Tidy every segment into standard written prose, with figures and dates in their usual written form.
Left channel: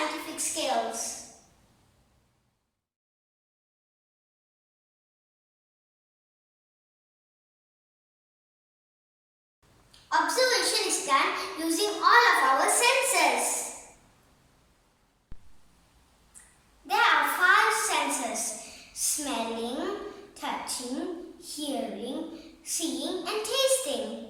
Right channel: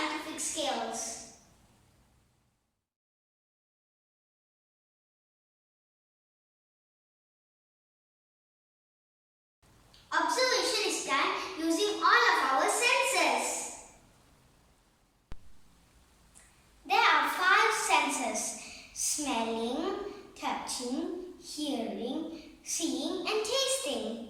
scientific skills. Observation is done using all of our senses. There are 5 senses: smelling, touching, hearing, seeing and tasting.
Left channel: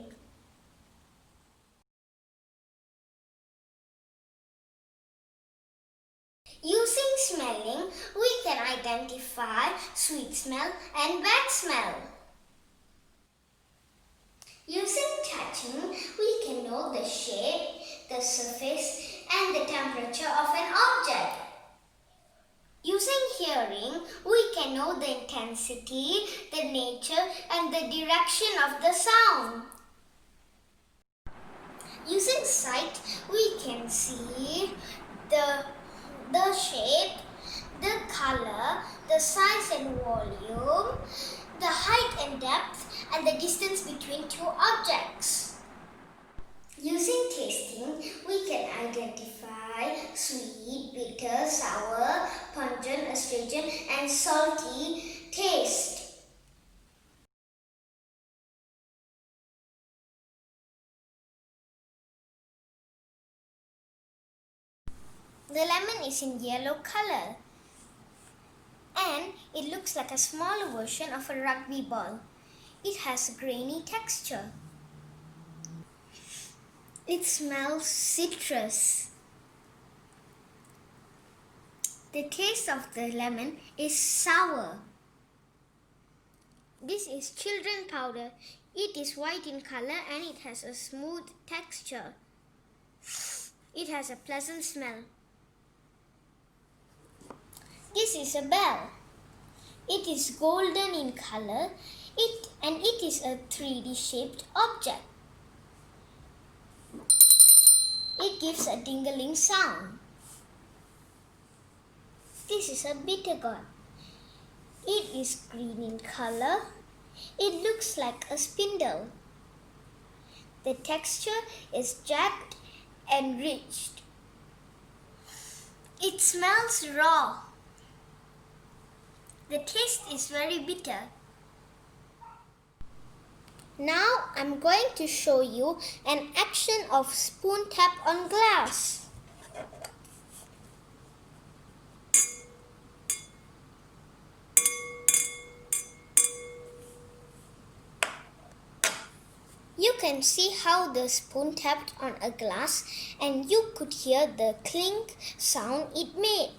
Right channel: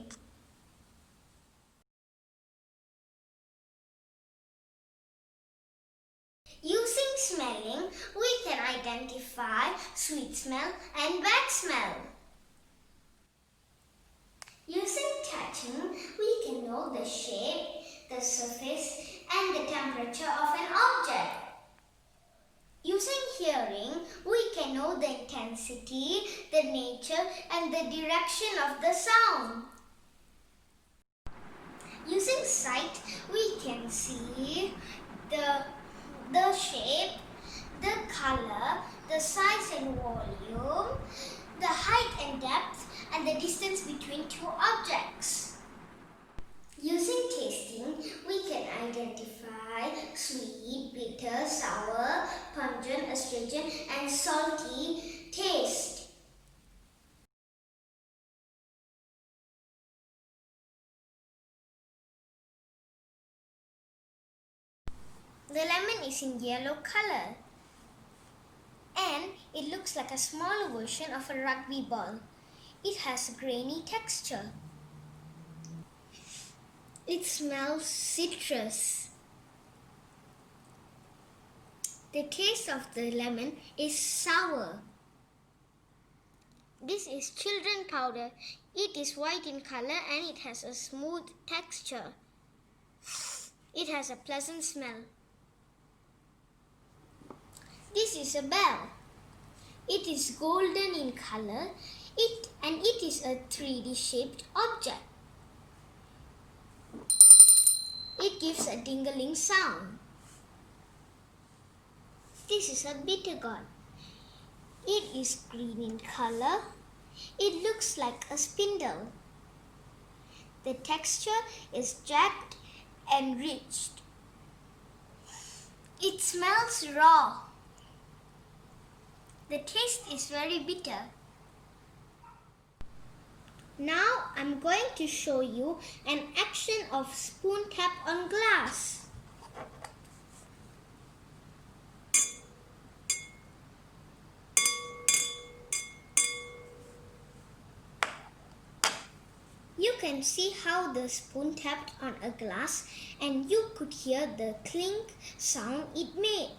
Using smelling, we can identify sweet smell and bad smell. Using touching, we can know the shape, the surface and the temperature of an object. Using hearing, we can know the intensity, the nature and the direction of the sound. Using sight, we can see the shape, the color, the size and volume, the height and depth and the distance between two objects. Using tasting, we can identify sweet, bitter, sour, pungent, astringent and salty taste. The lemon is in yellow color and it looks like a smaller version of a rugby ball. It has a grainy texture. It smells citrus. The taste of the lemon is sour. This is children powder. It is white in color and it has a smooth texture. It has a pleasant smell. This is a bell. It is golden in color and it is a 3D shaped object. It gives a dingling sound. This is a bitter gourd. It is green in color. It looks like a spindle. The texture is jagged and ridged. It smells raw. The taste is very bitter. Now I'm going to show you an action of spoon tap on glass. You can see how the spoon tapped on a glass and you could hear the clink sound it made.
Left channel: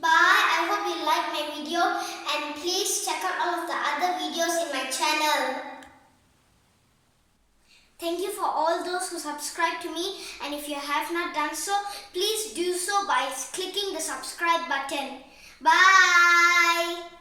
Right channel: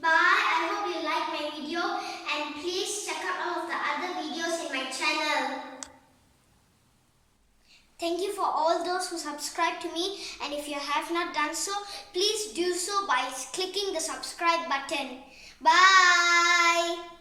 Bye. I hope you liked my video and please check out all of the other videos in my channel. Thank you for all those who subscribe to me, and if you have not done so, please do so by clicking the subscribe button. Bye.